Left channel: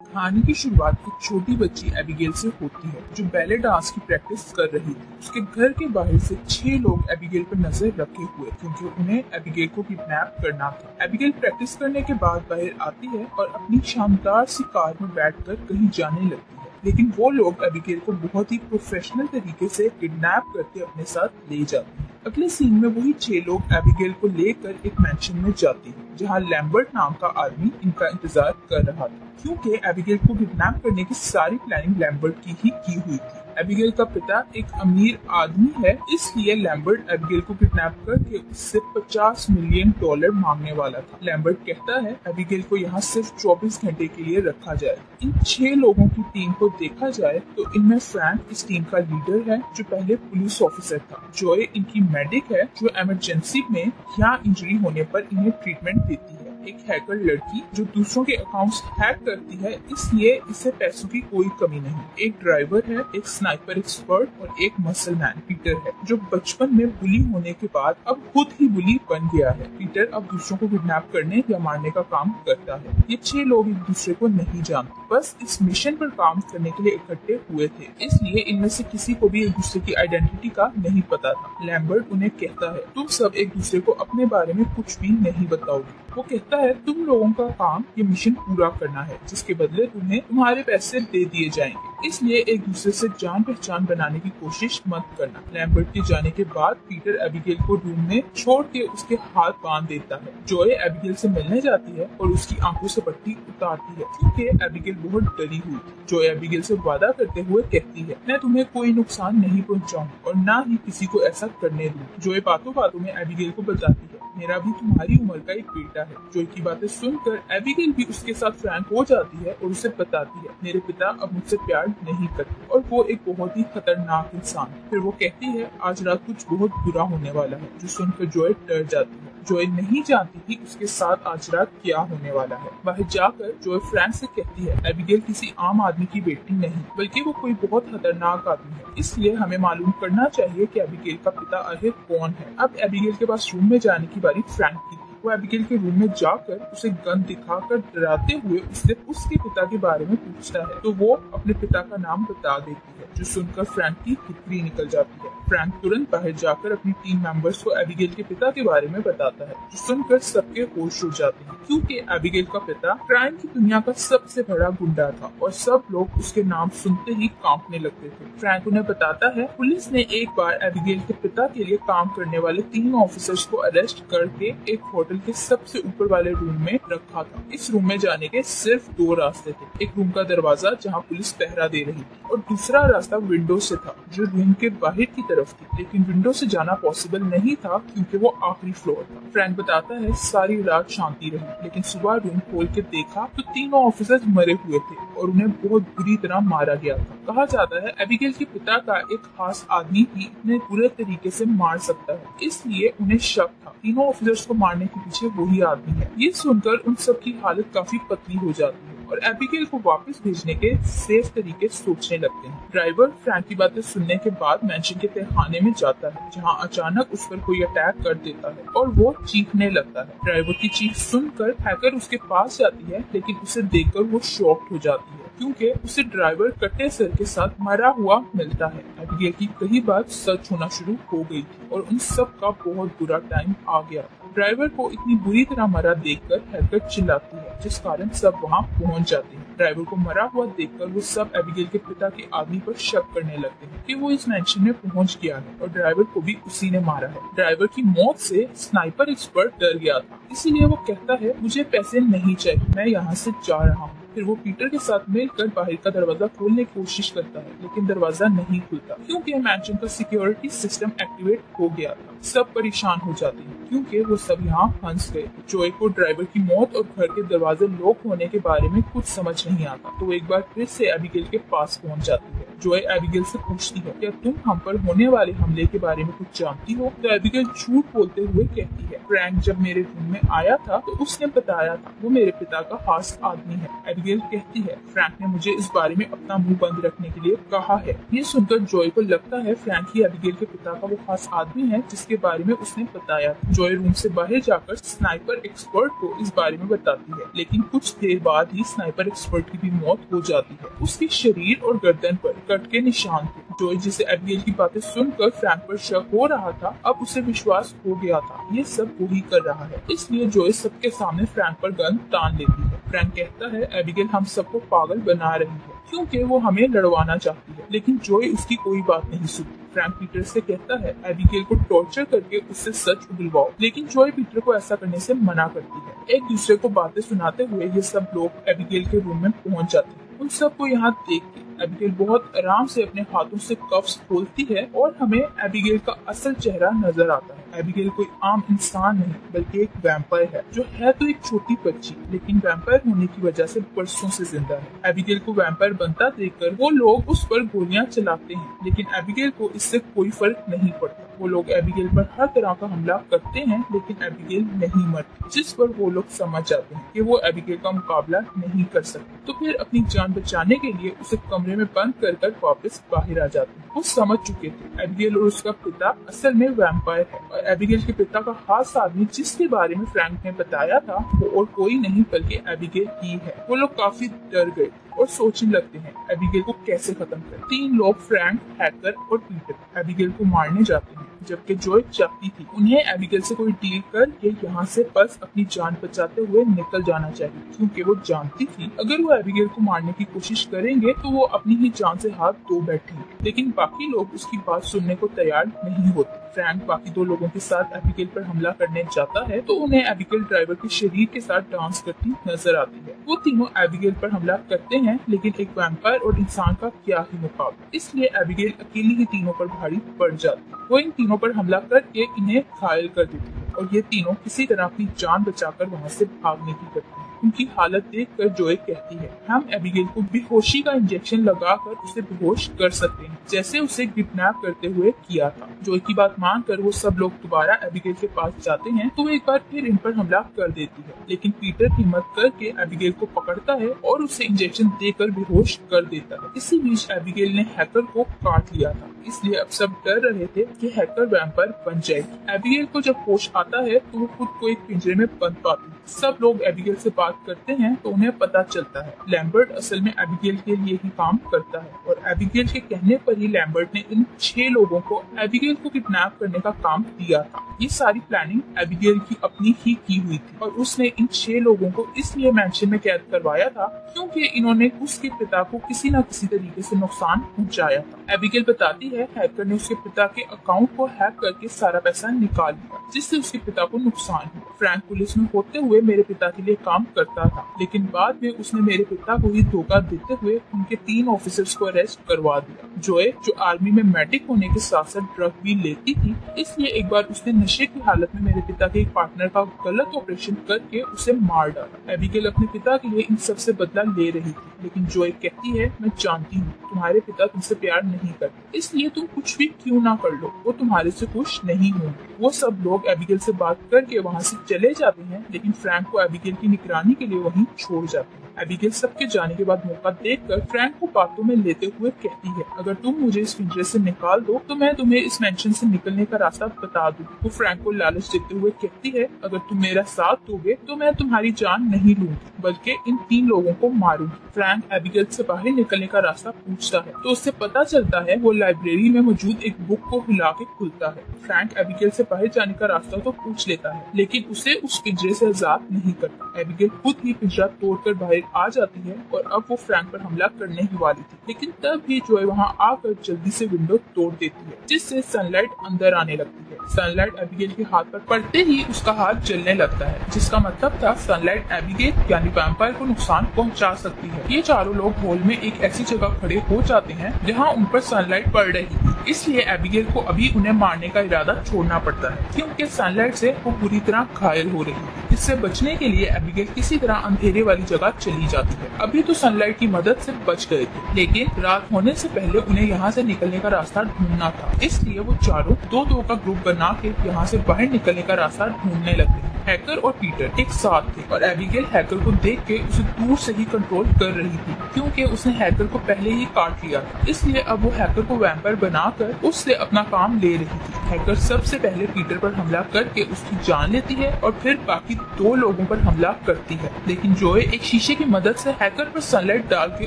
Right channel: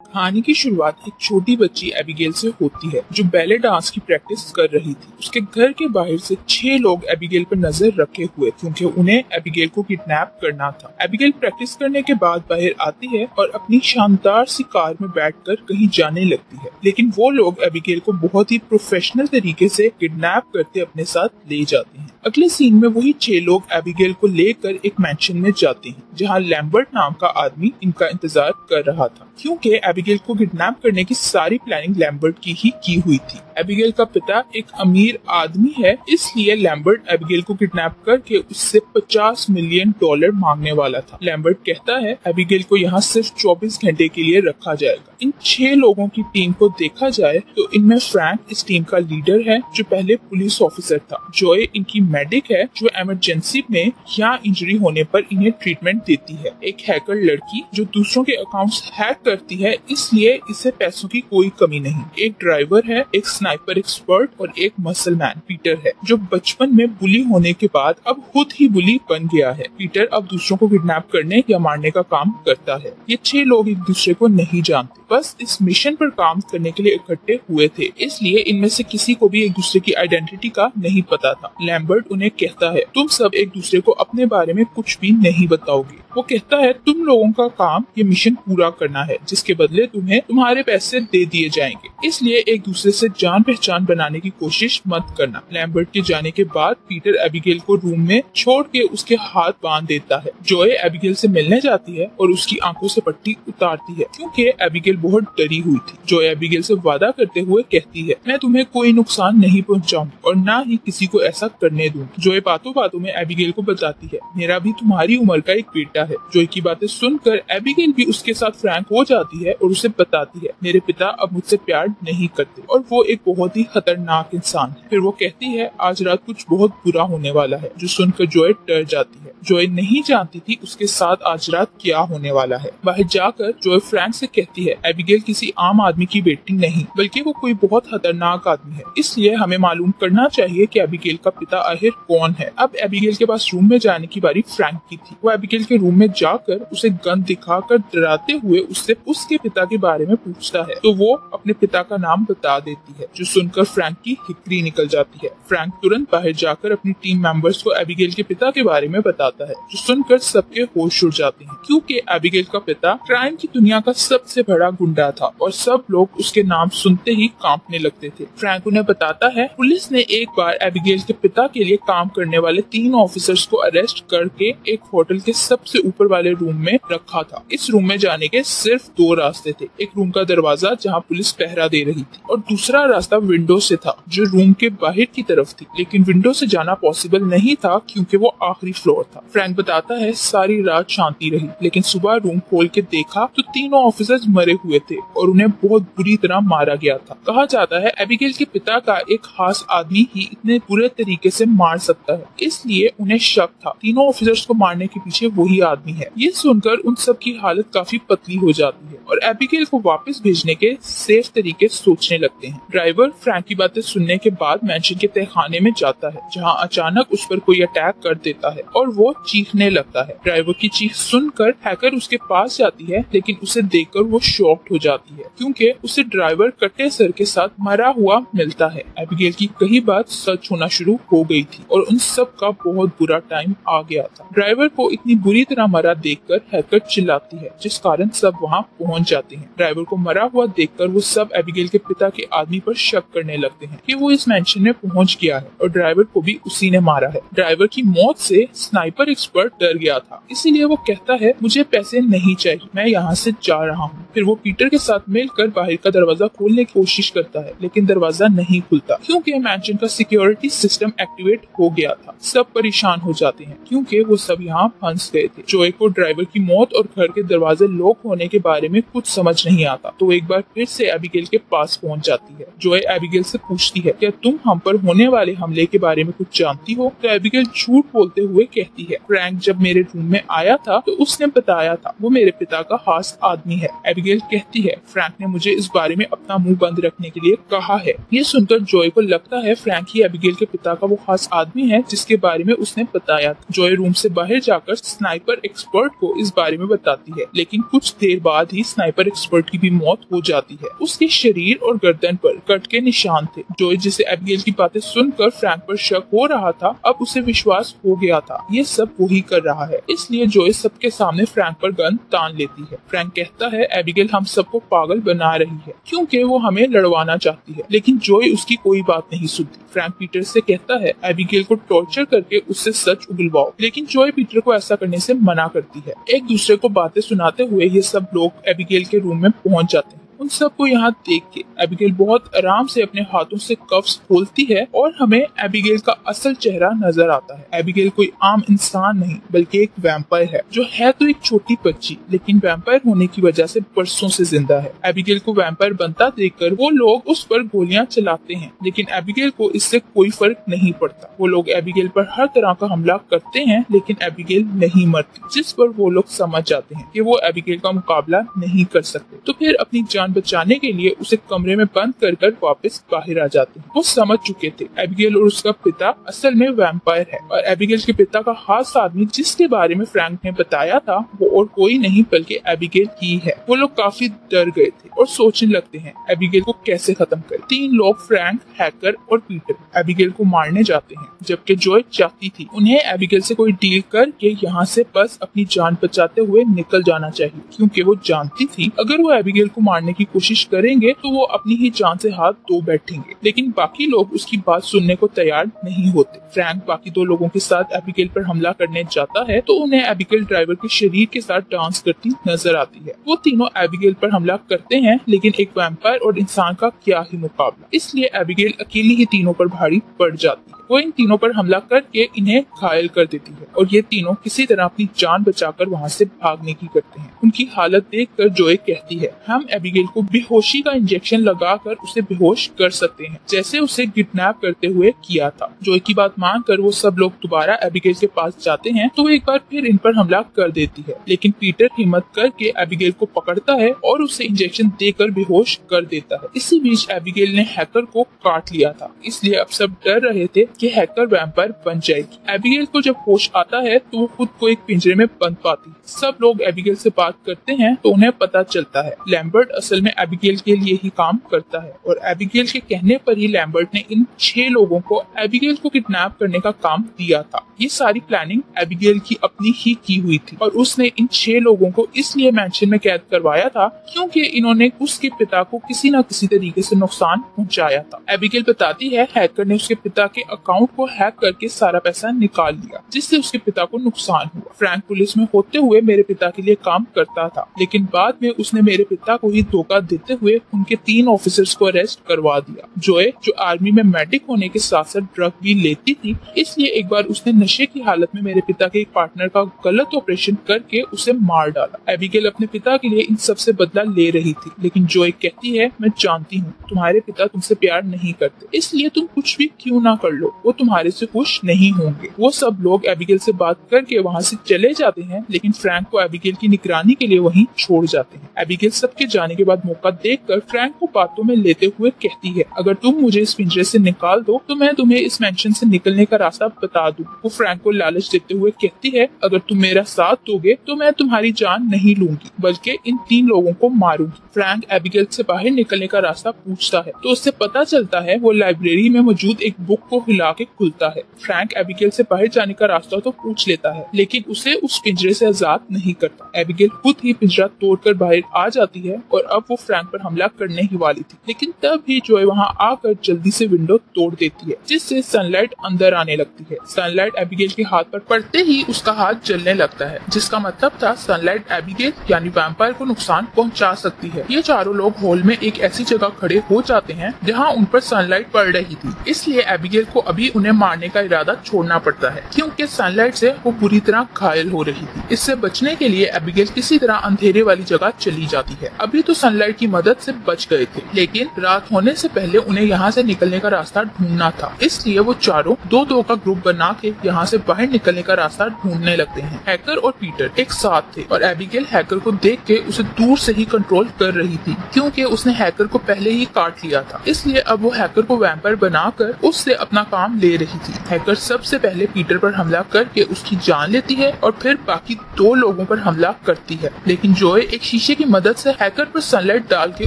कहानी की शुरुआत एक छोटी बच्ची एबिगेल से होती है जो बैले डांस की प्रैक्टिस कर रही थी। उसके घर के बाहर से 6 लोग एबिगेल पर नजर रखे हुए क्योंकि उन्हें एबिगेल को किडनैप करना था। एबिगेल प्रैक्टिस करने के बाद बाहर आती है और अपनी शानदार सी कार में बैठकर कहीं जाने लगती है, लेकिन वो लोग एबिगेल को बहुत ही प्रोफेशनल तरीके से किडनैप करते अपने साथ ले जाते हैं। अगले सीन में वही 6 लोग एबिगेल को लेकर एक मैंशन में जाते हैं जहाँ लैम्बर्ट नाम का आदमी इनका इंतजार कर रहा था, क्योंकि एबिगेल को किडनैप करने की सारी प्लानिंग लैम्बर्ट की ही की हुई थी। एबिगेल का पिता एक अमीर आदमी है, इसलिए लैम्बर्ट एबिगेल को किडनैप करके उससे $50 मिलियन मांगने वाला था। लैम्बर्ट कहता है एबिगेल को यहाँ सिर्फ 24 घंटे के लिए रखा जाएगा। इन 6 लोगों की टीम को देखा जाए तो इनमें फ्रैंक इस टीम का लीडर है जो पहले पुलिस ऑफिसर था। जॉय इनकी मेडिक है जो इमरजेंसी में या इंजरी होने पर इन्हें ट्रीटमेंट देती है। एक हैकर लड़की जो दूसरों के अकाउंट्स हैक करती है, इसलिए इसे पैसों की कोई कमी नहीं। एक ड्राइवर है, एक स्नाइपर एक्सपर्ट और एक मसल मैन पीटर है जो बचपन में बुली होने के बाद अब खुद ही बुली बन गया है। पीटर अब दूसरों को किडनैप करने या मारने का काम करता है। ये 6 लोग एक दूसरे को नहीं जानते, बस इस मिशन पर काम करने के लिए इकट्ठे हुए थे, इसलिए इनमें से किसी को भी एक दूसरे की आइडेंटिटी का नहीं पता था। लैम्बर्ट उन्हें कहता है तुम सब एक दूसरे को अपने बारे में कुछ भी नहीं बताओगे। वो कहता है तुम लोगों का काम ये मिशन पूरा करना है, जिसके बदले तुम्हें तुम्हारे पैसे दे दिए जाएंगे, इसलिए एक दूसरे से जान पहचान बनाने की कोशिश मत करना। लैम्बर्ट के जाने के बाद पीटर एबिगेल को रूम में छोड़ के उसके हाथ बांध देता है। जॉय एबिगेल से मिलने जाती है और उसकी आंखों से पट्टी उतारती है क्योंकि एबिगेल बहुत डरी हुई थी। जॉय एबिगेल से वादा करते हुए कहती है मैं तुम्हें कोई नुकसान नहीं पहुंचाऊं और ना ही किसी को ऐसा करने दूं। जॉय बातों बातों में एबिगेल को बताती है मेरा भी तुम्हारी उम्र का एक बेटा है। जॉय की बातें सुनकर एबिगेल भी उसके साथ फ्रैंक हो जाती है और उसे बताती है मेरे पिता अब मुझसे प्यार नहीं करते और वो एक बहुत ही खतरनाक इंसान है। फिर वो कहती है आज रात कुछ बहुत बुरा होने वाला है, जो सुनकर जॉय डर जाती है। जॉय नहीं जानती थी उसके साथ आज रात क्या होने वाला है। बाहर जाकर जॉय फ्रैंक से कहती है एबिगेल किसी आम आदमी की बेटी नहीं बल्कि वो कोई बहुत खतरनाक आदमी है, इसलिए हमें मालूम करना चाहिए कि एबिगेल का पिता आखिर कौन है। अब एबिगेल के पास रूम में जाने की बारी फ्रैंक की थी। वो एबिगेल के रूम में जाकर उसे गन दिखाकर डराते हुए उससे उसके पिता के बारे में पूछता है तो वो अपने पिता का नाम बता देती है, जो सुनकर फ्रैंक की हिकड़ी निकल जाती है। फ्रैंक तुरंत बाहर जाकर अपनी टीम मेंबर्स को एबिगेल के पिता के बारे में बताता है, जो सुनकर सबके होश उड़ जाते हैं क्योंकि एबिगेल का पिता क्राइम की दुनिया का सबसे बड़ा गुंडा था और सब लोग उसके नाम सुनते ही कांपने लगते थे। फ्रैंक उन्हें बताता है पुलिस ने एक बार एबिगेल के पिता के लिए काम करने वाले 3 ऑफिसर्स को अरेस्ट करके एक होटल के सबसे ऊपर वाले रूम में रखा था। इस रूम में जाने के सिर्फ 2 रास्ते थे, एक रूम का दरवाजा जहाँ पुलिस पहरा दे रही थी और दूसरा रास्ता विंडो से था जो रूम के बाहर की तरफ थी, लेकिन विंडो से जाना पॉसिबल नहीं था क्योंकि वो आखिरी फ्लोर था। फ्रैंक बताता है सारी रात शांति रही, लेकिन सुबह रूम खोल के देखा तो तीनों ऑफिसर्स मरे हुए थे और उन्हें बहुत बुरी तरह मारा गया था। कहा जाता है एबिगेल के पिता का एक खास आदमी ही इतने बुरे तरीके से मार सकता है, इसलिए उन्हें शक था तीनों ऑफिसर्स को मारने के पीछे वही आदमी है। ये सुनकर उन सब की हालत काफी पतली हो जाती है और एबिगेल को वापस भेजने के सेफ तरीके सोचने लगते हैं। ड्राइवर फ्रैंक की बातें सुनने के बाद मैंशन के तहखाने में जाता है जहां अचानक उस पर कोई अटैक कर देता है और वो चीखने लगता है। ड्राइवर की चीख सुनकर हैकर उसके पास जाती है, लेकिन उसे देखकर वो शॉक्ड हो जाती है क्योंकि उसे ड्राइवर कटे सर के साथ मरा हुआ मिलता है। एबिगेल की कही बात सच होना शुरू हो गई थी और उन सब का बहुत बुरा टाइम आ गया था। ड्राइवर को इतनी बुरी तरह मरा देखकर हैकर चिल्लाती है, जिस कारण सब वहाँ पहुँच जाते हैं। ड्राइवर को मरा हुआ देखकर वो सब एबिगेल के पिता के आदमी पर शक करने लगते हैं कि वो इस मैंशन में पहुँच गया है और ड्राइवर को भी उसी ने मारा है। ड्राइवर की मौत से स्नाइपर एक्सपर्ट डर गया था, इसीलिए वो कहता है मुझे पैसे नहीं चाहिए, मैं यहाँ से जा रहा हूँ। फिर वो पीटर के साथ मिलकर बाहर का दरवाजा खोलने की कोशिश करता है, लेकिन दरवाजा नहीं खुलता क्योंकि मैंशन का सिक्योरिटी सिस्टम एक्टिवेट हो गया था। सब परेशान हो जाते हैं क्योंकि वो सब यहाँ फंस गए थे। जॉय को ड्राइवर की मौत और घर के दरवाजे लॉक होने के बारे में कुछ समझ नहीं आता, तो एक बार फिर से एबिगेल के पास पहुँच जाती है। जॉय एबिगेल से पूछती है क्या तुम हम पर होने वाले हमले के बारे में कुछ जानती हो? तो एबिगेल झूठ बोलते हुए कहती है फ्रैंक जब मेरे रूम में आया था तो उसने बताया था वो मेरे पिता का खास आदमी है। एबिगेल कहती है फ्रैंक ने मुझे इस बारे में अपना मुंह बंद रखने के लिए कहा है। ये सुनकर जॉय को लगता है फ्रैंक ही एबिगेल के पिता का वो खास आदमी है जिसके बारे में उसने बताया था। जॉय रूम से बाहर जाकर स्नाइपर एक्सपर्ट को इस बारे में बताती है, लेकिन कुछ देर बाद ही स्नाइपर एक्सपर्ट की भी मौत हो जाती है। उसके शरीर और गर्दन पर कट के निशान थे। जॉय जिसे एबिगेल की बातें सुनकर फ्रैंक पर शक हो रहा था, अब उसे विश्वास हो गया था ये सब वही कर रहा है, इसलिए जॉय सबके सामने फ्रैंक पर गन तान लेती है। फ्रैंक कहता है एबिगेल हम सबको पागल बना रही है क्योंकि वो हमें लड़वाना चाहती है, लेकिन जॉय उसकी कोई बात नहीं सुनती। फ्रैंक पीटर से कहता है एबिगेल को टॉर्चर करके उससे सच उगलवाओ, लेकिन जॉय पीटर को ऐसा करने से मना करती है। एक दूसरे को बातें सुनाते हुए ये सब लोग एबिगेल के रूम में पहुंच जाते हैं। उन सबको यहाँ देख के एबिगेल बहुत आराम से अपने हाथों से कफ्स खोलती है और हमें एबिगेल का असल चेहरा नजर आता है। एबिगेल कोई आम इंसान नहीं बल्कि एक वैम्पायर है, जो है तो एक छोटी बच्ची, लेकिन वैम्पायर होने की वजह से बरसों से जिंदा है। एबिगेल को वैम्पायर बनता देखकर वो लोग उस पर गोलियां चलाते हैं, लेकिन एबिगेल को इससे कोई फर्क नहीं पड़ता। वो लोग एबिगेल पर हर तरह का हमला करते हैं, लेकिन एबिगेल नहीं मरती, जिस पर वो लोग समझ जाते हैं कि वो एबिगेल का मुकाबला नहीं कर सकते। तो फिर अपनी जान बचाने के लिए उसे कमरे में बंद कर वापस बाहर आ जाते हैं। वो समझ चुके थे एबिगेल और उसका पिता असल में वैम्पायर है, और एबिगेल के पिता का खास आदमी जिसके बारे में फ्रैंक ने बताया था वो और कोई नहीं बल्कि एबिगेल ही है। वो लोग काफी डर गए थे और सोचने लगते हैं एबिगेल को कैसे खत्म करें। 3 लोग फ्रैंक, हैकर और पीटर एबिगेल को मारने जाते हैं, जबकि जॉय चाहती थी उन्हें एबिगेल से कोई डील करके यहाँ से बस अपनी जान बचाते हुए निकल जाना चाहिए, क्योंकि वो जानती थी अगर वो एबिगेल को मारने की कोशिश करेंगे तो वो अपनी ही जान से हाथ धो बैठेंगे। लेकिन बाकी लोग उसकी बात सुनने को तैयार नहीं होते। फ्रैंक बाकी 2 लोगों के साथ एबिगेल पर हमला करने जाता है तो उन्हें एबिगेल ड्राइवर के शरीर के साथ डांस करती नजर आती है। वो तीनों एबिगेल पर हमला करते हैं, लेकिन एक वैम्पायर और इंसान का क्या ही मुकाबला, इसलिए एबिगेल अकेली ही तीनों पर भारी पड़ जाती है। वो इन तीनों पर हमला करके इन्हें घायल कर देती है और ये तीनों किसी तरह अपनी जान बचाकर वहाँ से भागने की करते हैं। उनकी हालत देखकर जॉय कहती है हम एबिगेल को बेहोशी का इंजेक्शन लगाकर उसे बेहोश कर सकते हैं, जैसे उसे किडनैप करते हुए किया था। जॉय की बात मानकर वो सब लोग दोबारा एबिगेल के पास जाते हैं तो वो एक बार फिर इन पर हमला कर देती है, लेकिन पीटर हिम्मत करके एबिगेल को पकड़ता है और उसे इंजेक्शन देकर बेहोश कर देता है। इसी बीच एबिगेल ने हैकर को काट लिया था, इसलिए अब सब डर रहे थे कि हैकर वैम्पायर बन जाएगी। एबिगेल को जब होश आता है तो वो खुद को एक पिंजरे में बंद पाती है। सब लोग एबिगेल से बात करते हैं तो उन्हें पता चलता है लैम्बर्ट असल में एबिगेल के लिए ही काम करता है, और एबिगेल के कहने पर ही लैम्बर्ट ने इन 6 लोगों को एबिगेल को किडनैप करने का काम दिया था। ये सारी प्लानिंग एबिगेल की अपनी ही की हुई थी, और उसने इन 6 लोगों को इसलिए मैंशन में कैद करवाया था क्योंकि इन्होंने उसके पिता को किसी न किसी तरीके से नुकसान पहुंचाया था। एबिगेल बताती है हैकर ने उसके पिता के अकाउंट को हैक करके सारा पैसा निकाल लिया, जिससे उसके पिता को नुकसान हुआ। फ्रैंक पुलिस में होते हुए मेरे पिता के लिए काम करता था, लेकिन बाद में उसने मेरे पिता को ही धोखा देते हुए उनके 3 ऑफिसर्स को अरेस्ट करवा दिया। जॉय जो आर्मी में मेडिक होने के साथ साथ ड्रग भी लेती थी, इसलिए एक बार उसने नशे की हालत में मेरे पिता के एक पार्टनर का गलत ऑपरेशन करके उसे मार डाला। एबिगेल अपने पिता के लिए इन सब से बदला ले रही थी, लेकिन जॉय कहती है मैं जानती हूँ तुम्हारे पिता तुमसे प्यार नहीं करते, इसलिए तुम कुछ भी क्यों ना कर लो, वो तुम्हारे से खुश नहीं होंगे। वो सब लोग एबिगेल से बात करके वहाँ से चले जाते हैं, लेकिन फ्रैंक को एबिगेल की निगरानी के लिए वहीं छोड़ जाते हैं। एबिगेल सबके जाने के बाद मौका देखकर फ्रैंक को बातों में लेते हुए कहती है अगर तुम मुझे इस पिंजरे से निकाल दो तो मैं तुम्हें इस मेंशन से निकलने का रास्ता बता दूं। वो फ्रैंक को लालच देते हुए कहती है अगर तुम मेरा साथ दोगे तो मैं तुम्हारी जान नहीं लूंगी बल्कि इन 3 लोगों को मारूंगी। फ्रैंक एबिगेल से बाहर निकलने का रास्ता पूछता है तो उससे पता चलता है वो लाइब्रेरी में मौजूद एक बुक को हिला के खुलता है। फ्रैंक एबिगेल से बाहर जाने का रास्ता तो पूछ लेता है, लेकिन उसे उस पिंजरे से आजाद नहीं करता। एबिगेल खुद ही पिंजरा तोड़कर बाहर आ जाती है और अब वो फ्रैंक पर हमला करने ही वाली थी, लेकिन तब भी जॉय वहाँ आकर जल्दी से विंडो तोड़ देती है, जिससे सनलाइट अंदर आने लगती है। सनलाइट एबिगेल के हाथ पर पड़ते ही उसका हाथ जलने लगता है, जिसका मतलब था सनलाइट एबिगेल यानी वैम्पायर को नुकसान पहुंचा सकती है। ये चारों लोग हॉल में एक ऐसी जगह खड़े हो जाते हैं जहाँ उन पर सनलाइट पड़ रही थी, इसलिए एबिगेल को अभी उन्हें मारने का इरादा छोड़ना पड़ता है क्योंकि सनलाइट से वो पूरी तरह घायल हो रही थी। इससे बचने के लिए एबिगेल किसी तरह अंधेरे वाली जगह चली जाती है। अभी तो सनलाइट की मदद से बच गए थे, लेकिन रात होने से पहले उन्हें यहाँ से निकलने का रास्ता ढूंढना था। इसलिए वो चारों दो का ग्रुप बना के यहाँ से बाहर निकलने का रास्ता ढूंढने लगते हैं। हैकर और पीटर एक साथ थे और एबिगेल हैकर को देख के उसे दूर से ही कंट्रोल कर रही थी क्योंकि उसने हैकर को पहले ही काट लिया था। इसलिए अब वो हैकर को वैम्पायर बनाकर उससे अपना काम ले रही थी। हैकर सबसे पहले पीटर पर हमला करके उसकी जान लेती है और फिर बाकी 2 लोगों पर हमला करती है, लेकिन जोए एक शीशे की मदद से हैकर पर सनलाइट डाल के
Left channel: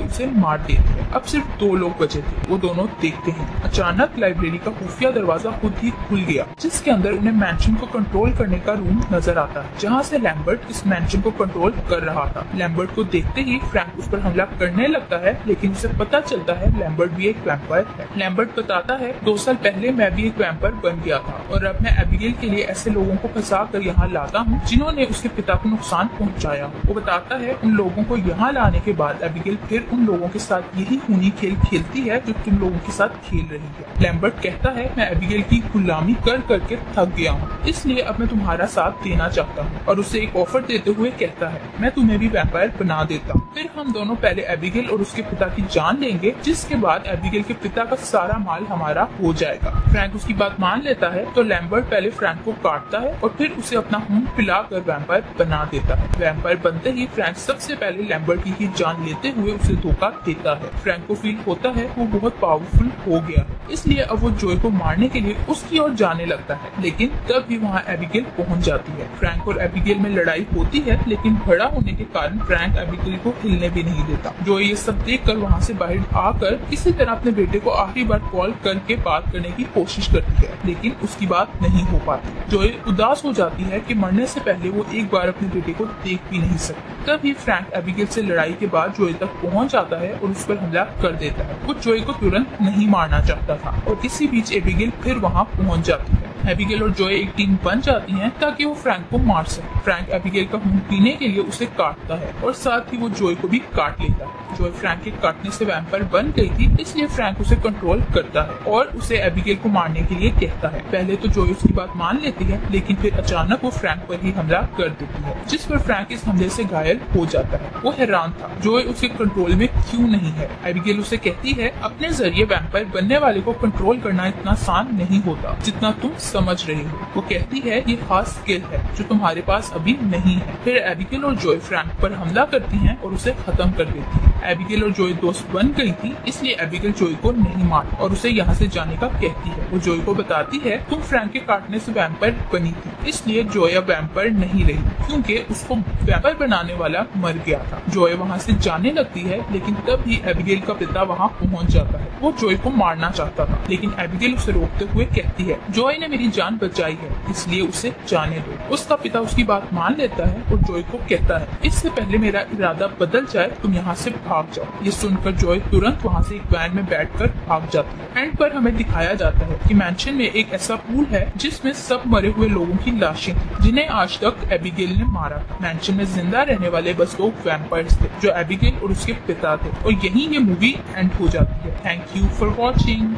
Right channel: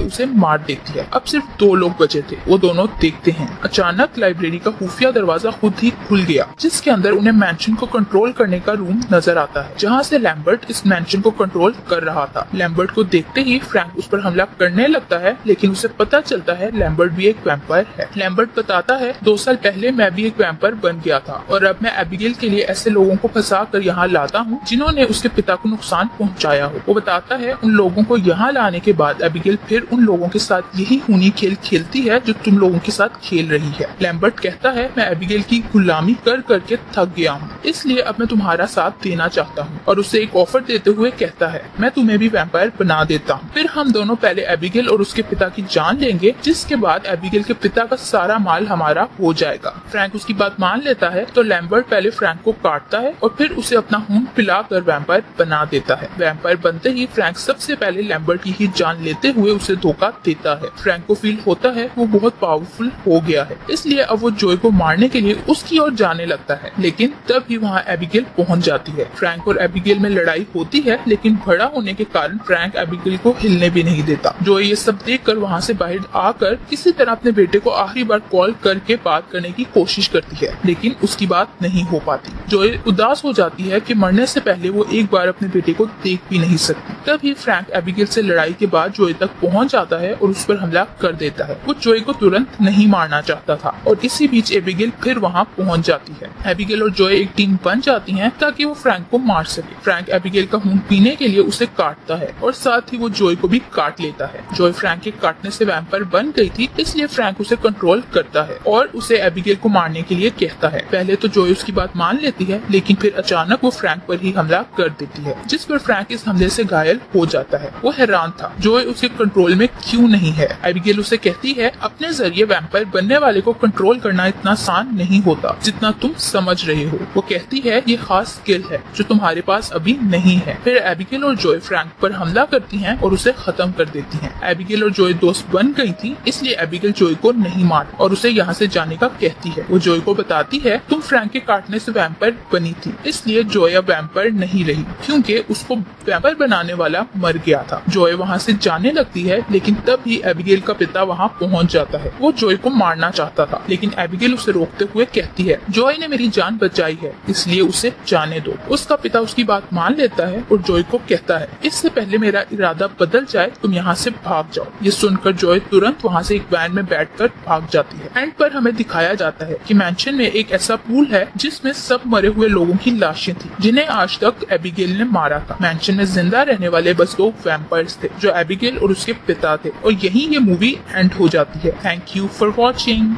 उसे मार देती है। अब सिर्फ 2 लोग बचे थे। वो दोनों देखते हैं अचानक लाइब्रेरी का खुफिया दरवाजा खुद ही खुल गया, जिसके अंदर उन्हें मैंशन को कंट्रोल करने का रूम नजर आता है, जहाँ से लैम्बर्ट इस मैंशन को कंट्रोल कर रहा था। लैम्बर्ट को देखते ही फ्रैंक उस पर हमला करने लगता है, लेकिन उसे पता चलता है लैम्बर्ट भी एक वैम्पायर है। लैम्बर्ट बताता है 2 साल पहले मैं भी एक वैम्पायर बन गया था और अब मैं एबिगेल के लिए ऐसे लोगों को फंसा कर यहाँ लाता हूँ जिन्होंने उसके पिता को नुकसान पहुँचाया हो। वो बताता है उन लोगों को यहाँ लाने के बाद एबिगेल फिर उन लोगों के साथ यही खूनी खेल खेलती है जो तुम लोगों के साथ खेल रही है। लैम्बर्ट कहता है मैं एबिगेल की गुलामी कर करके थक गया हूँ, इसलिए अब मैं तुम्हारा साथ देना चाहता हूँ और उसे एक ऑफर देते हुए कहता है मैं तुम्हें भी वैम्पायर बना देता हूँ। फिर हम दोनों पहले एबिगेल और उसके पिता की जान लेंगे, जिसके बाद एबिगेल के पिता का सारा माल हमारा हो जाएगा। फ्रैंक उसकी बात मान लेता है तो लैम्बर्ट पहले फ्रैंक को काटता है और फिर उसे अपना खून पिलाकर वैम्पायर बना देता है। वैम्पायर बनते ही फ्रैंक सबसे पहले लैम्बर्ट की ही जान लेते हुए उसे धोखा देता है। फ्रैंक को फील होता है वो बहुत पावरफुल हो गया है, इसलिए अब वो जोए को मारने के लिए उसकी ओर जाने लगता है, लेकिन तभी वहाँ एबिगेल पहुँच जाती है। फ्रैंक और एबिगेल में लड़ाई होती है, लेकिन बड़ा होने के कारण फ्रैंक एबिगेल को हिलने भी नहीं देता। जोए ये सब देखकर वहाँ से बाहर आकर किसी तरह अपने बेटे को आखिरी बार कॉल करके बात करने की कोशिश करती है, लेकिन उसकी बात नहीं हो पाती। जोए उदास हो जाती है कि मरने से पहले वो एक बार अपने बेटे को देख भी नहीं सकती। तभी फ्रैंक एबिगेल से लड़ाई के बाद जोए तक पहुँच जाता है और उस पर हमला कर देता है। वो जोए को तुरंत नहीं मारना चाहता था और इसी बीच एबिगेल फिर वहाँ पहुँच जाती है। एबिगेल और जोए एक टीम बन जाती हैं ताकि वो फ्रैंक को मार सके। फ्रैंक एबिगेल का खून पीने के लिए उसे काटता है और साथ ही वो जोए को भी काट लेता है। जोए फ्रैंक के काटने से वैम्पायर बन गई थी, इसलिए फ्रैंक उसे कंट्रोल करता है और उसे एबिगेल को मारने के लिए कहता है। पहले तो जोए उसकी बात मान लेती है, लेकिन फिर अचानक वो फ्रैंक पर ही हमला कर देती है, जिस पर फ्रैंक इस हमले से घायल हो जाता है। वो हैरान था जोए उसके कंट्रोल में क्यों नहीं है। एबिगेल उसे कहती है अपने जरिए वैम्पायर बनने वाले को कंट्रोल करना इतना आसान नहीं होता जितना तुम समझ रहे हो। वो कहती है ये खास स्किल है जो तुम्हारे पास अभी नहीं है। फिर एबिगेल और जोए फ्रैंक पर हमला करती हैं और उसे खत्म कर देती हैं। एबिगेल और जोए दोस्त बन गई थी, इसलिए एबिगेल जोए को नहीं मारती और उसे यहाँ से जाने का कहती है। वो जोए को बताती है तुम फ्रैंक के काटने से वैम्पायर बनी थी, इसलिए जोए अब वैम्पायर नहीं रही क्योंकि उसको वैम्पायर बनाने वाला मर गया था। जोए वहाँ से जाने लगती है, लेकिन तभी एबिगेल का पिता वहाँ पहुँच जाता है। वो जोए को मारना चाहता था, लेकिन एबिगेल उसे रोकते हुए कहती है जोए ने मेरी जान बचाई है, इसलिए उसे जाने दो। उसका पिता उसकी बात मान लेता है और जोए को कहता है इससे पहले मेरा इरादा बदल जाए तुम यहाँ से भाग जाओ। ये सुनकर जोए तुरंत वहाँ से एक वैन में बैठकर भाग जाती है। एंड पर हमें दिखाया जाता है कि मैंशन में एक ऐसा पूल है जिसमें सब मरे हुए लोगों की लाशें थी जिन्हें आज तक एबिगेल ने मारा था। मैंशन में जिंदा रहने वाले बस 2 वैम्पायर्स थे जो एबिगेल और उसके पिता थे और यहीं ये मूवी एंड हो जाती है। Thank you for watching.